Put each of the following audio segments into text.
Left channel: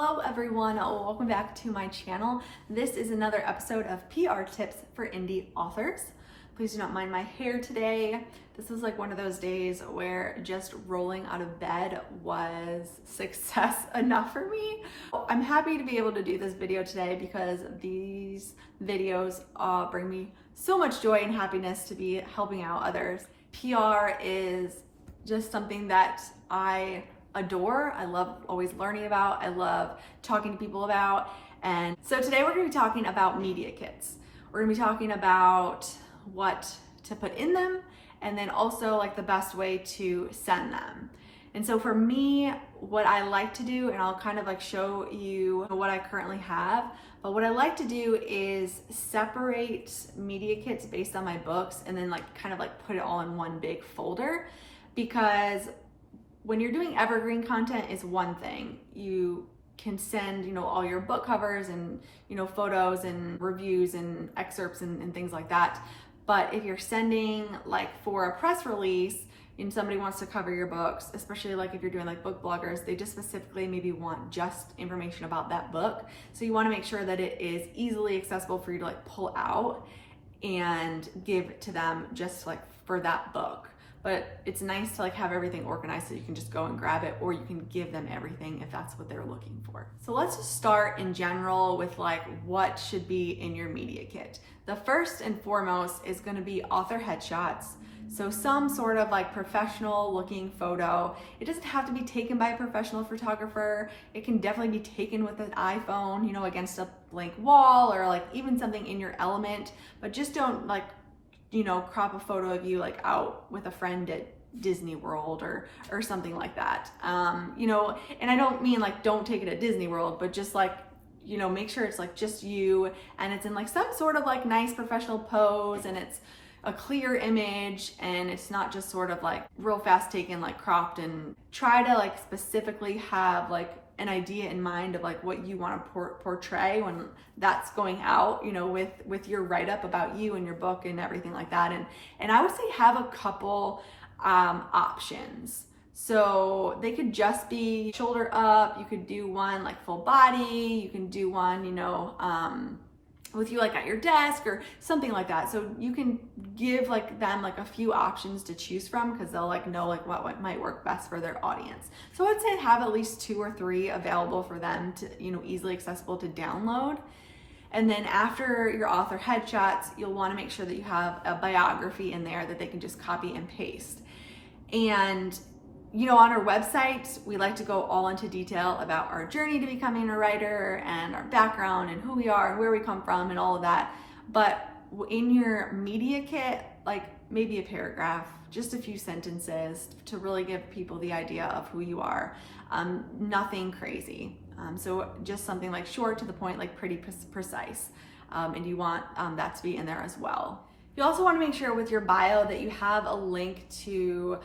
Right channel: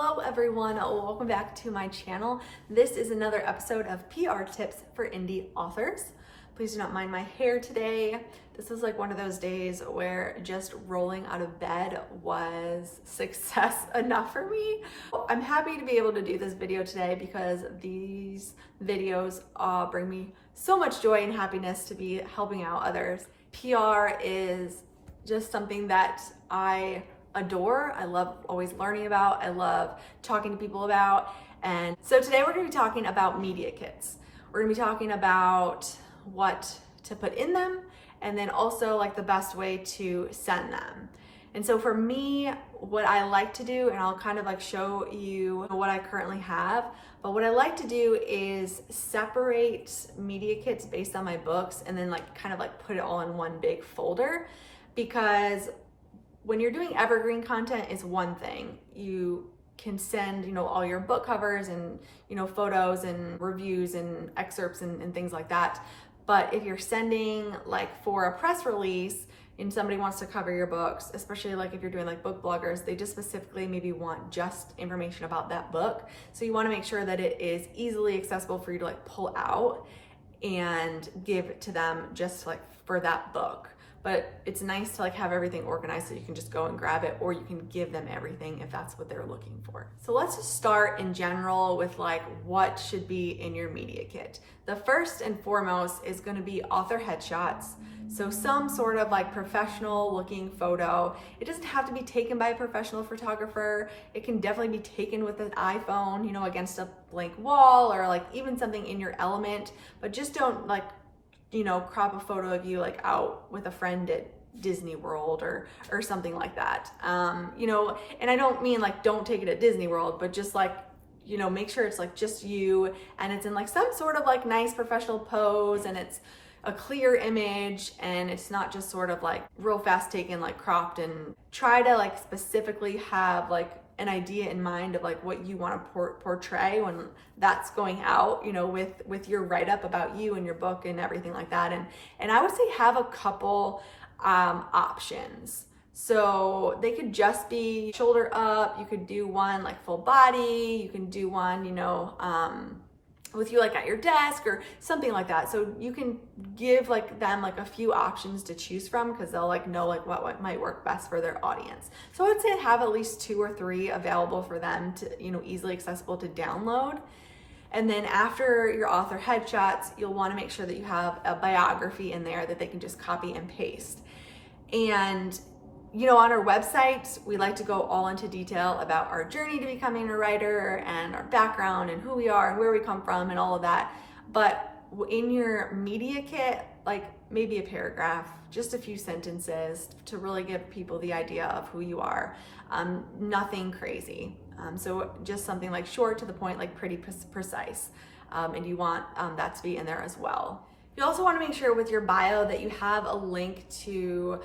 Hello everyone, welcome back to my channel. This is another episode of PR tips for indie authors. Please do not mind my hair today. This is like one of those days where just rolling out of bed was success enough for me. I'm happy to be able to do this video today because these videos bring me so much joy and happiness to be helping out others. PR is just something that I adore. I love always learning about. I love talking to people about. And so today we're going to be talking about media kits. We're going to be talking about what to put in them and then also like the best way to send them. And so for me, what I like to do, and I'll kind of like show you what I currently have, but what I like to do is separate media kits based on my books and then like kind of like put it all in one big folder, because when you're doing evergreen content is one thing. You can send, all your book covers and, photos and reviews and excerpts and things like that. But if you're sending like for a press release and somebody wants to cover your books, especially like if you're doing like book bloggers, they just specifically maybe want just information about that book. So you want to make sure that it is easily accessible for you to like pull out and give to them just like for that book. But it's nice to like have everything organized so you can just go and grab it, or you can give them everything if that's what they're looking for. So let's just start in general with like what should be in your media kit. The first and foremost is going to be author headshots. So some sort of like professional looking photo. It doesn't have to be taken by a professional photographer. It can definitely be taken with an iPhone, against a blank wall or like even something in your element, but just don't like crop a photo of you like out with a friend at Disney World or something like that. And I don't mean like don't take it at Disney World, but just like, make sure it's like just you and it's in like some sort of like nice professional pose and it's a clear image and it's not just sort of like real fast taken, like cropped, and try to like specifically have like an idea in mind of like what you want to portray when that's going out, with your write-up about you and your book and everything like that. And I would say have a couple options. So they could just be shoulder up. You could do one like full body. You can do one, with you like at your desk or something like that. So you can give like them like a few options to choose from, because they'll like know like what might work best for their audience. So I would say have at least 2 or 3 available for them to, easily accessible to download. And then after your author headshots, you'll want to make sure that you have a biography in there that they can just copy and paste. And on our website, we like to go all into detail about our journey to becoming a writer and our background and who we are and where we come from and all of that. But in your media kit, like maybe a paragraph, just a few sentences to really give people the idea of who you are. Nothing crazy. So just something like short to the point, like pretty precise. And you want that to be in there as well. You also want to make sure with your bio that you have a link to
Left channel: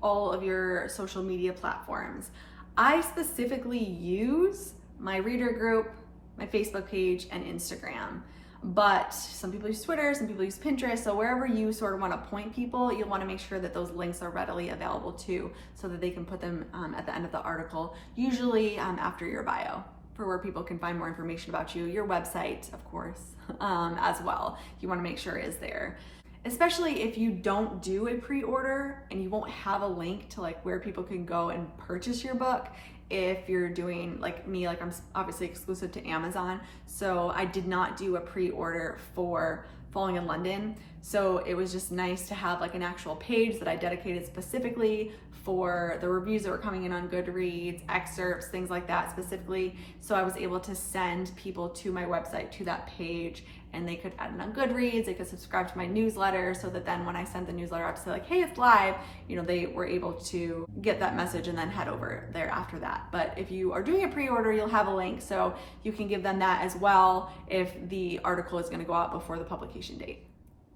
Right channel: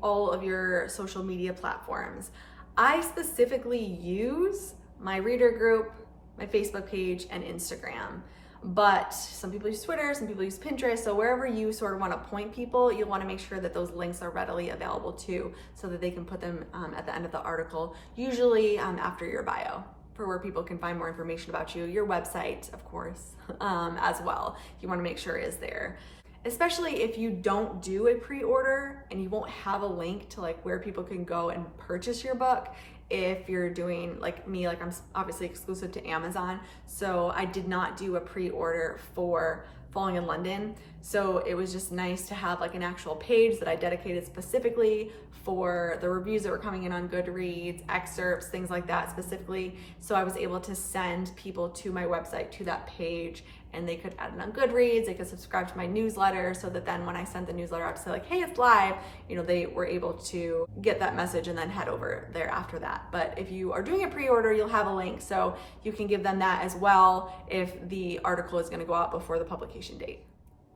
all of your social media platforms. I specifically use my reader group, my Facebook page, and Instagram. But some people use Twitter, some people use Pinterest. So wherever you sort of want to point people, you'll want to make sure that those links are readily available too, so that they can put them at the end of the article, usually after your bio, for where people can find more information about you. Your website, of course, as well. You want to make sure is there. Especially if you don't do a pre-order and you won't have a link to like where people can go and purchase your book. If you're doing like me, like I'm obviously exclusive to Amazon, so I did not do a pre-order for Falling in London. So it was just nice to have like an actual page that I dedicated specifically for the reviews that were coming in on Goodreads, excerpts, things like that specifically. So I was able to send people to my website to that page, and they could add it on Goodreads, they could subscribe to my newsletter, so that then when I sent the newsletter out to say like, hey, it's live, they were able to get that message and then head over there after that. But if you are doing a pre-order, you'll have a link, so you can give them that as well if the article is gonna go out before the publication date.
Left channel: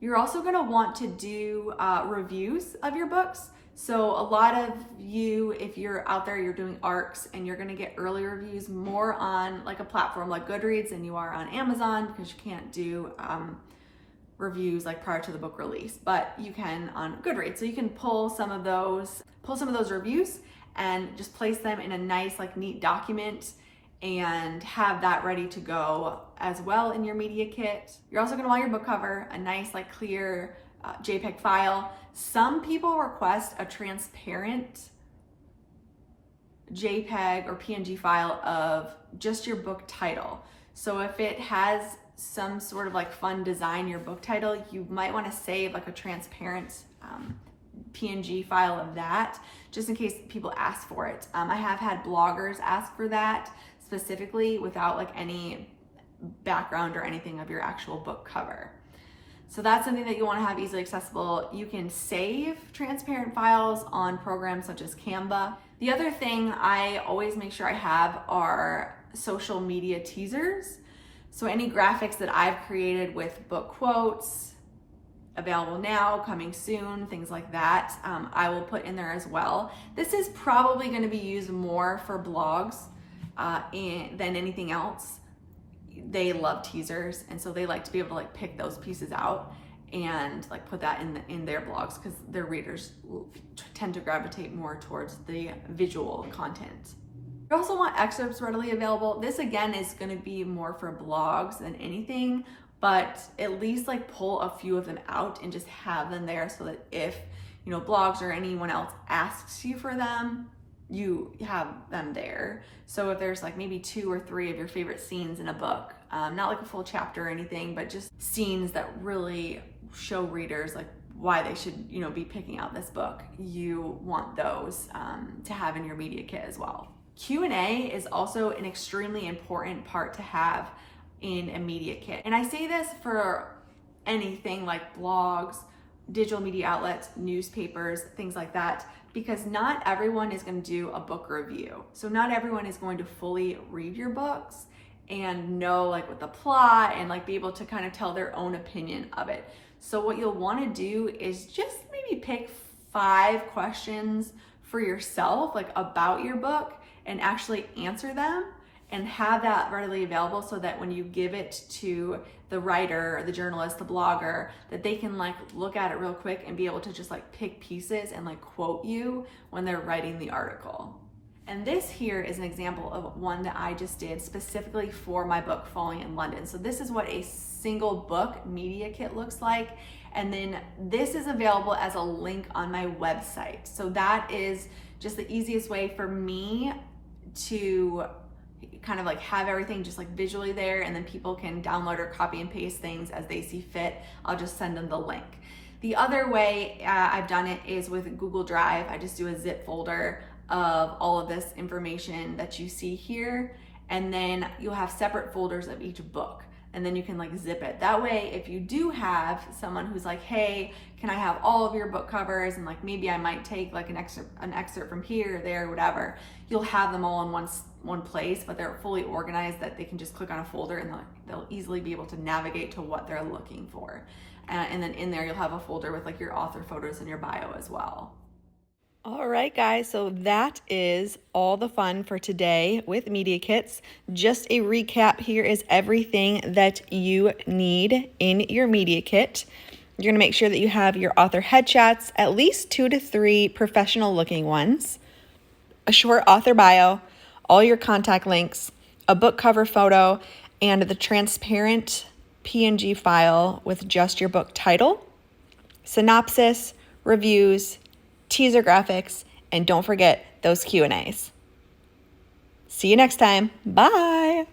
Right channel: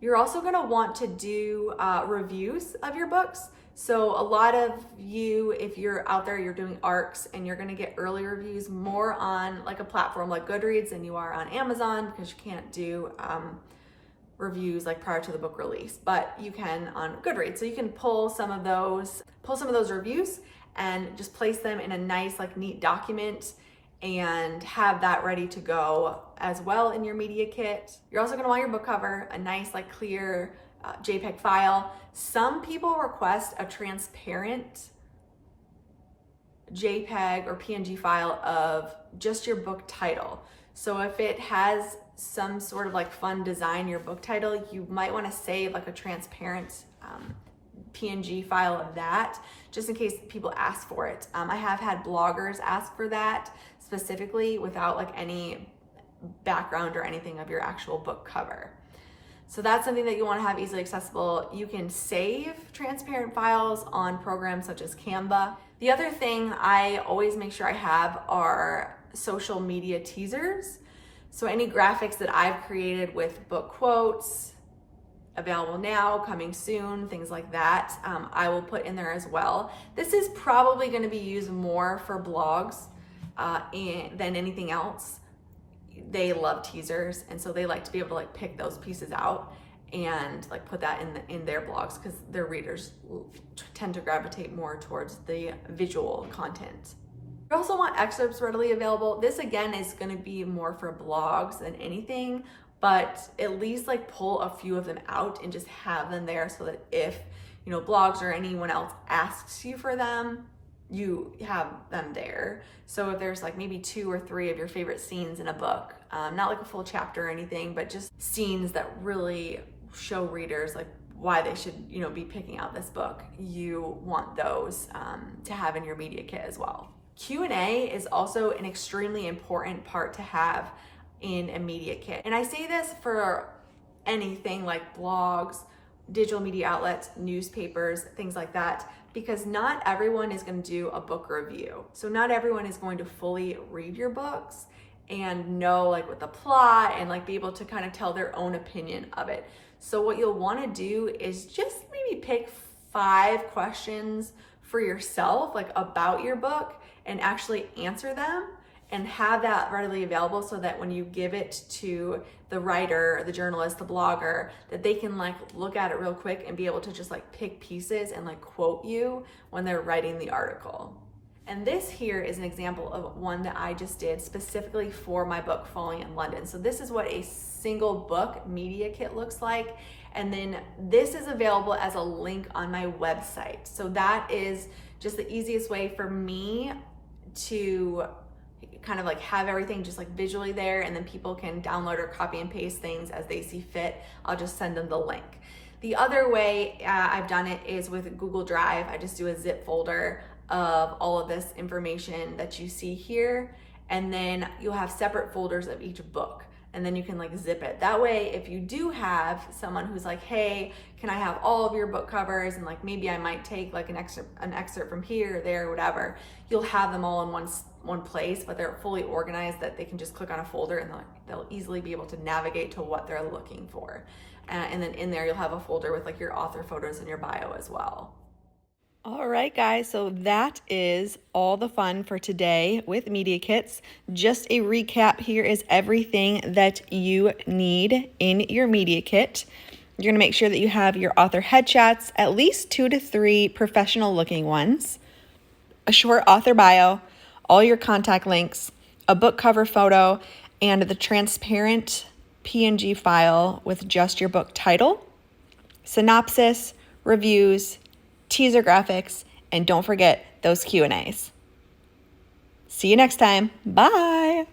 You're also gonna want to do reviews of your books. So a lot of you, if you're out there, you're doing ARCs and you're gonna get early reviews more on like a platform like Goodreads than you are on Amazon, because you can't do reviews like prior to the book release, but you can on Goodreads. So you can pull some of those reviews and just place them in a nice like neat document and have that ready to go as well in your media kit. You're also gonna want your book cover, a nice like clear JPEG file. Some people request a transparent JPEG or PNG file of just your book title. So if it has some sort of like fun design, your book title, you might want to save like a transparent PNG file of that, just in case people ask for it. I have had bloggers ask for that specifically without like any background or anything of your actual book cover. So that's something that you want to have easily accessible. You can save transparent files on programs such as Canva. The other thing I always make sure I have are social media teasers. So any graphics that I've created with book quotes, available now, coming soon, things like that, I will put in there as well. This is probably going to be used more for blogs than anything else. They love teasers, and so they like to be able to like pick those pieces out and like put that in their blogs, because their readers tend to gravitate more towards the visual content. You also want excerpts readily available. This again is going to be more for blogs than anything, but at least like pull a few of them out and just have them there so that if, you know, blogs or anyone else asks you for them, you have them there. So if there's like maybe 2 or 3 of your favorite scenes in a book, not like a full chapter or anything, but just scenes that really show readers like why they should, you know, be picking out this book, you want those to have in your media kit as well. Q&A is also an extremely important part to have in a media kit. And I say this for anything like blogs, digital media outlets, newspapers, things like that, because not everyone is going to do a book review. So not everyone is going to fully read your books and know like what the plot and like be able to kind of tell their own opinion of it. So what you'll want to do is just maybe pick 5 questions for yourself, like about your book, and actually answer them and have that readily available so that when you give it to the writer, the journalist, the blogger, that they can like look at it real quick and be able to just like pick pieces and like quote you when they're writing the article. And this here is an example of one that I just did specifically for my book, Falling in London. So this is what a single book media kit looks like. And then this is available as a link on my website. So that is just the easiest way for me to kind of like have everything just like visually there, and then people can download or copy and paste things as they see fit. I'll just send them the link. The other way I've done it is with Google Drive. I just do a zip folder of all of this information that you see here, and then you'll have separate folders of each book, and then you can like zip it. That way, if you do have someone who's like, hey, can I have all of your book covers, and like maybe I might take like an excerpt from here or there or whatever, you'll have them all in one place, but they're fully organized that they can just click on a folder and they'll easily be able to navigate to what they're looking for. And then in there, you'll have a folder with like your author photos and your bio as well. All right, guys, so that is all the fun for today with media kits. Just a recap, here is everything that you need in your media kit. You're gonna make sure that you have your author headshots, at least 2 to 3 professional looking ones, a short author bio, all your contact links, a book cover photo, and the transparent PNG file with just your book title, synopsis, reviews, teaser graphics, and don't forget those Q&As. See you next time. Bye.